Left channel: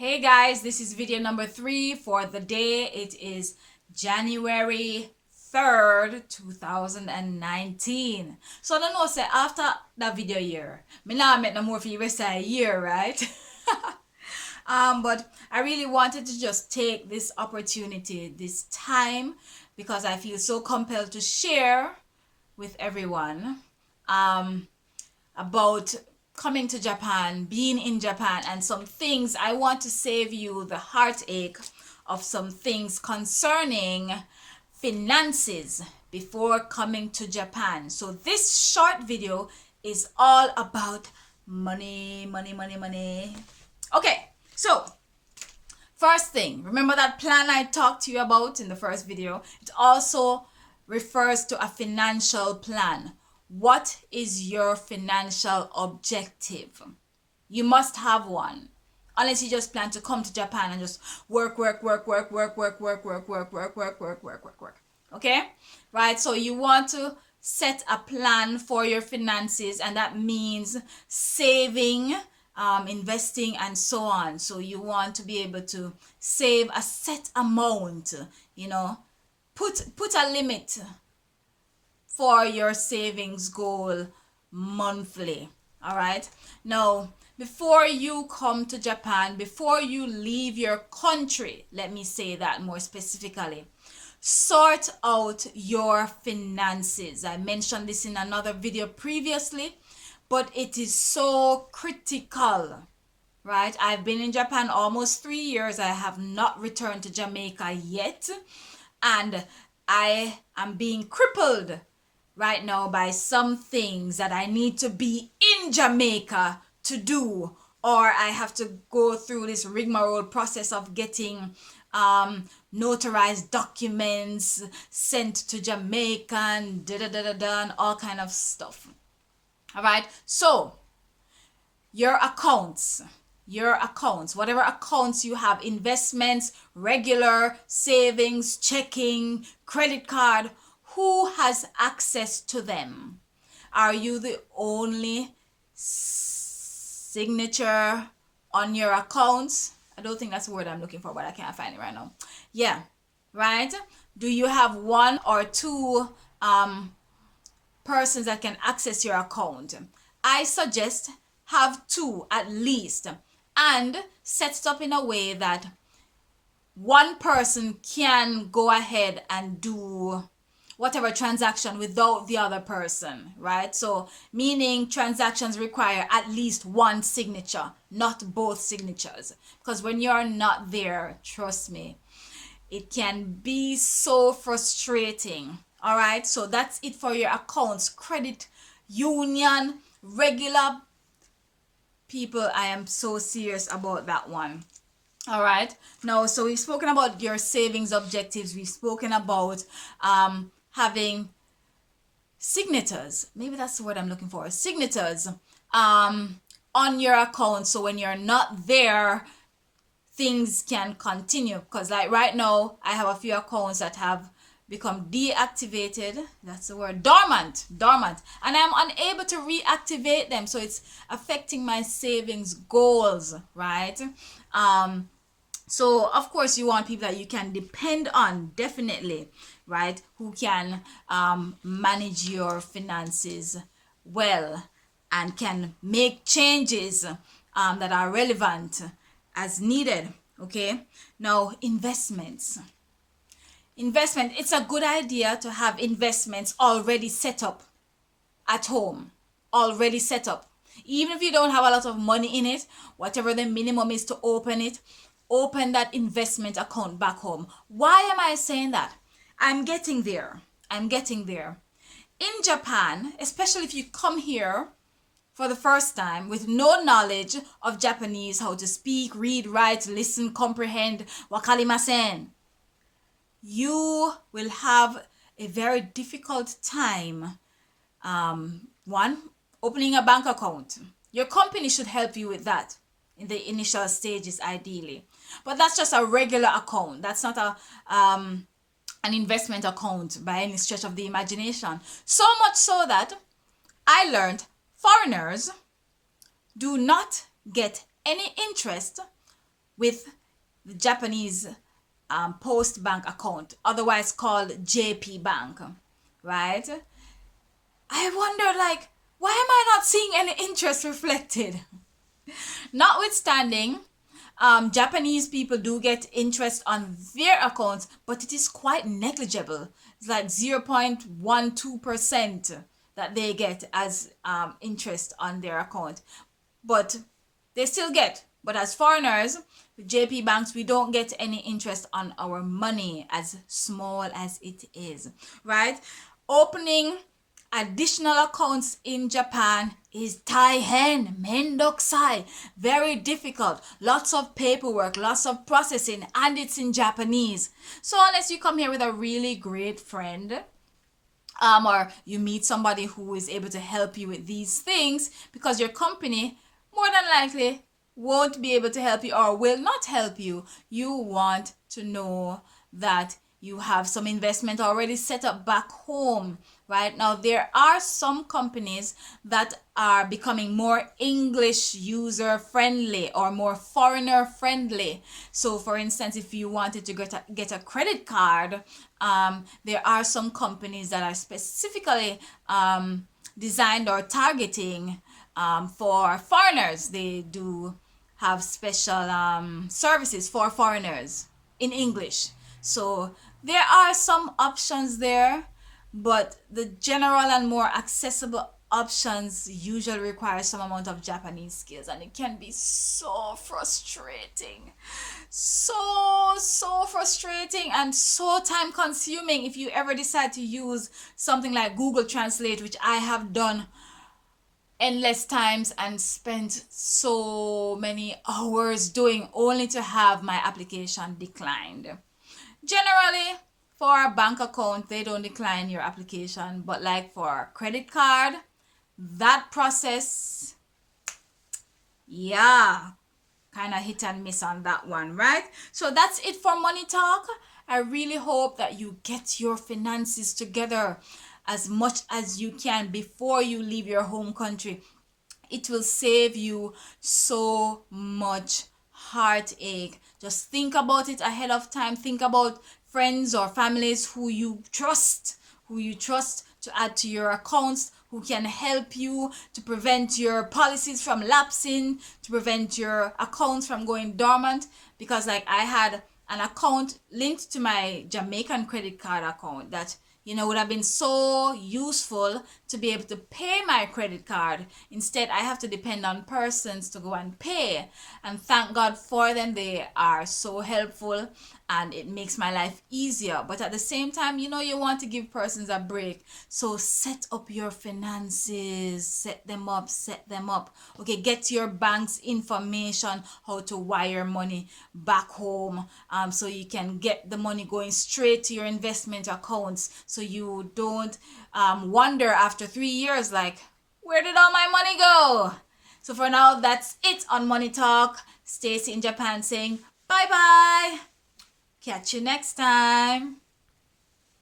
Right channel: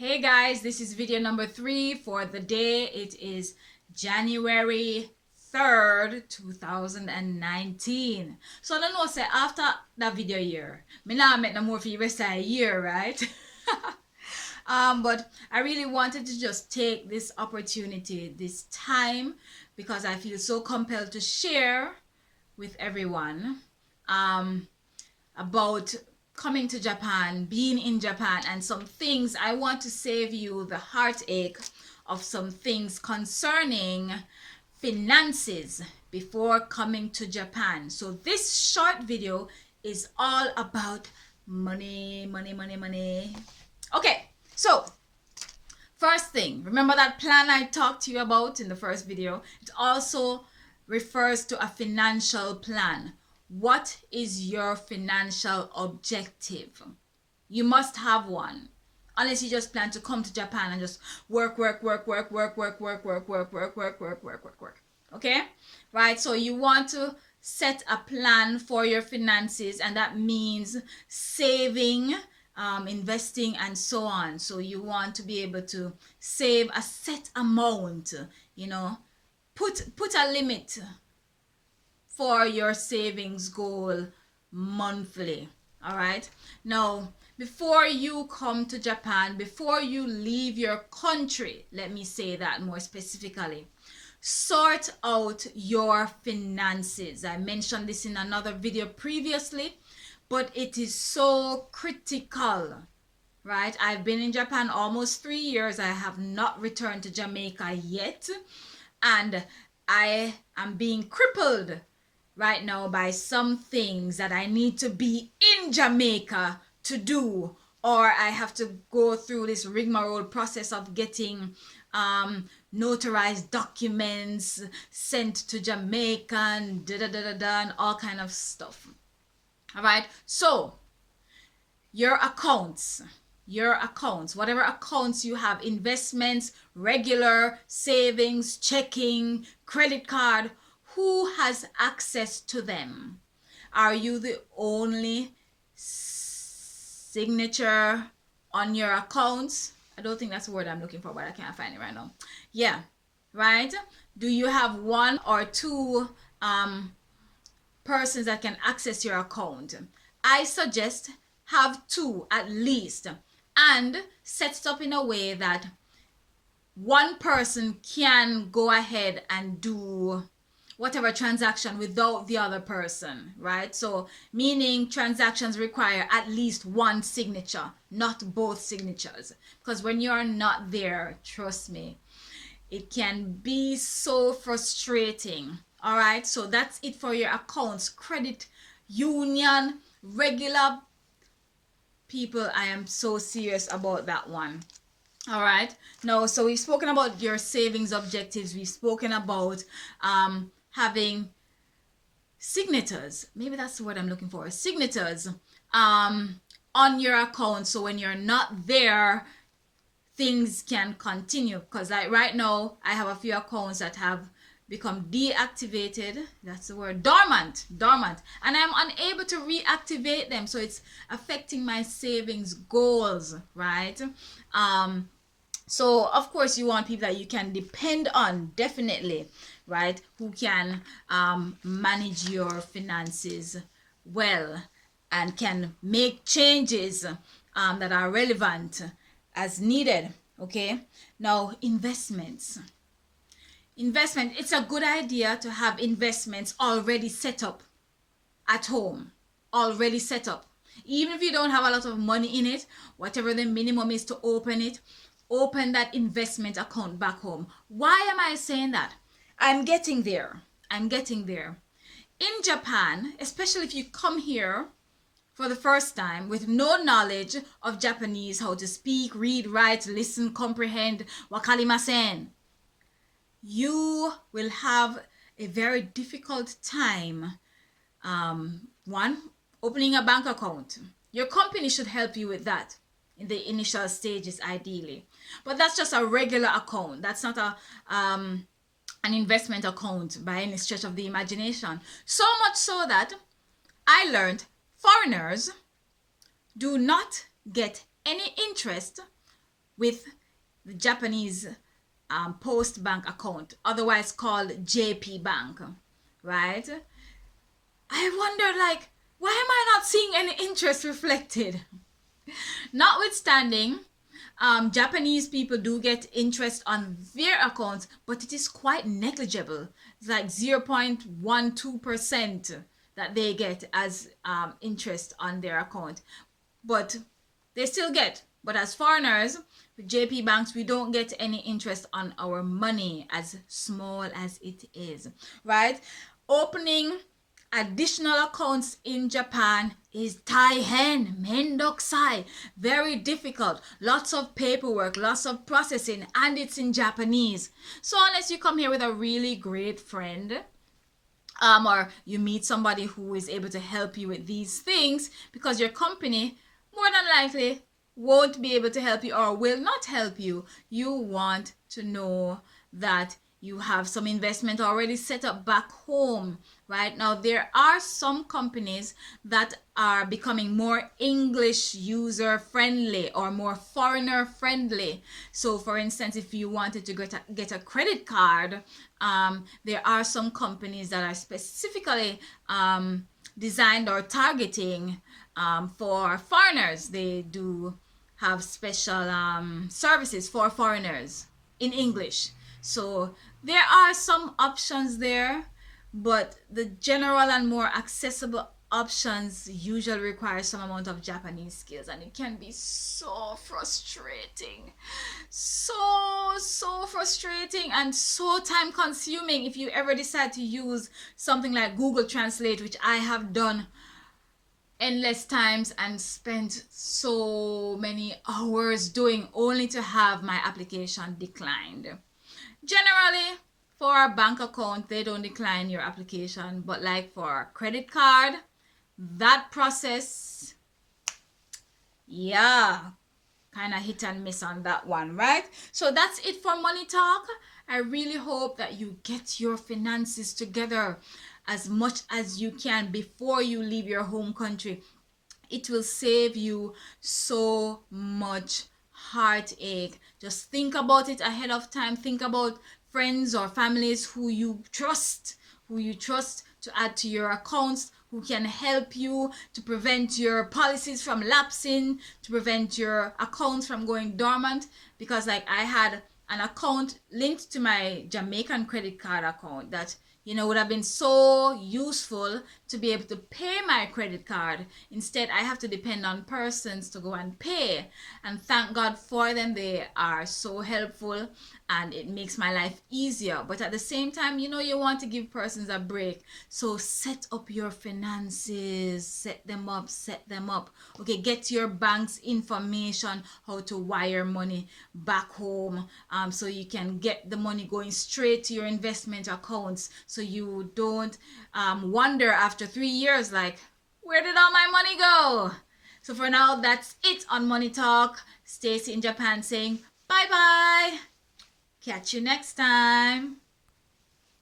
Hey guys, this is video number 3 for the day. It is January 3rd, 2019. So I don't know, say after that video year, me now make no more for you rest of a year, right? But I really wanted to just take this opportunity, this time, because I feel so compelled to share with everyone about coming to Japan, being in Japan, and some things. I want to save you the heartache of some things concerning finances before coming to Japan. So this short video is all about money, money, money, money. Okay, so first thing, remember that plan I talked to you about in the first video? It also refers to a financial plan. What is your financial objective? You must have one. Unless you just plan to come to Japan and just work. Okay? Right? So you want to set a plan for your finances, and that means saving, investing, and so on. So you want to be able to save a set amount, put a limit for your savings goal monthly. All right. Now, before you come to Japan, before you leave your country, let me say that more specifically, sort out your finances. I mentioned this in another video previously, but it is so critical, right? I've been in Japan almost 3 years. I have not returned to Jamaica yet, and I am being crippled right now by some things that I need to be in Jamaica to do, or I have to go through this rigmarole process of getting notarized documents sent to Jamaica and and all kind of stuff. All right, so your accounts, whatever accounts you have, investments, regular savings, checking, credit card, who has access to them? Are you the only signature on your accounts? I don't think that's the word I'm looking for, but I can't find it right now. Yeah, right? Do you have one or two persons that can access your account? I suggest have two at least, and set it up in a way that one person can go ahead and do whatever transaction without the other person, right? So meaning transactions require at least one signature, not both signatures. Because when you're not there, trust me, it can be so frustrating. All right, so that's it for your accounts. Credit union, regular people, I am so serious about that one. All right, now, so we've spoken about your savings objectives. We've spoken about having signatures, maybe that's the word I'm looking for, signatures on your account, so when you're not there, things can continue. Because like right now, I have a few accounts that have become deactivated, that's the word, dormant, and I'm unable to reactivate them, so it's affecting my savings goals, right? So of course you want people that you can depend on, definitely, right? Who can manage your finances well and can make changes that are relevant as needed. Okay, now investments. It's a good idea to have investments already set up at home, already set up. Even if you don't have a lot of money in it, whatever the minimum is to open it, open that investment account back home. Why am I saying that? I'm getting there. In Japan, especially if you come here for the first time with no knowledge of Japanese, how to speak, read, write, listen, comprehend, wakarimasen, you will have a very difficult time. One, opening a bank account. Your company should help you with that in the initial stages, ideally. But that's just a regular account. That's not an investment account by any stretch of the imagination. So much so that I learned foreigners do not get any interest with the Japanese Post Bank account, otherwise called JP Bank, right? I wonder, like, why am I not seeing any interest reflected? Notwithstanding, Japanese people do get interest on their accounts, but it is quite negligible. It's like 0.12% that they get as interest on their account. But they still get. But as foreigners, with JP banks, we don't get any interest on our money, as small as it is, right? Opening additional accounts in Japan is taihen, mendokusai, very difficult, lots of paperwork, lots of processing, and it's in Japanese. So unless you come here with a really great friend, or you meet somebody who is able to help you with these things, because your company more than likely won't be able to help you or will not help you, you want to know that you have some investment already set up back home. Right now, there are some companies that are becoming more English user friendly or more foreigner friendly. So for instance, if you wanted to get a credit card, there are some companies that are specifically designed or targeting for foreigners. They do have special services for foreigners in English. So there are some options there, but the general and more accessible options usually require some amount of Japanese skills, and it can be so frustrating, so frustrating and so time consuming if you ever decide to use something like Google Translate, which I have done endless times and spent so many hours doing, only to have my application declined. Generally, for a bank account, they don't decline your application, but like for a credit card, that process, yeah, kind of hit and miss on that one, right? So that's it for Money Talk. I really hope that you get your finances together as much as you can before you leave your home country. It will save you so much heartache. Just think about it ahead of time. Think about friends or families who you trust to add to your accounts, who can help you to prevent your policies from lapsing, to prevent your accounts from going dormant. Because like I had an account linked to my Jamaican credit card account that would have been so useful to be able to pay my credit card. Instead, I have to depend on persons to go and pay. And thank God for them. They are so helpful and it makes my life easier. But at the same time, you want to give persons a break. So set up your finances, set them up. Okay, get your bank's information, how to wire money back home, so you can get the money going straight to your investment accounts, so you don't wonder after 3 years, like, where did all my money go? So for now, that's it on Money Talk. Stacy in Japan saying bye-bye. Catch you next time.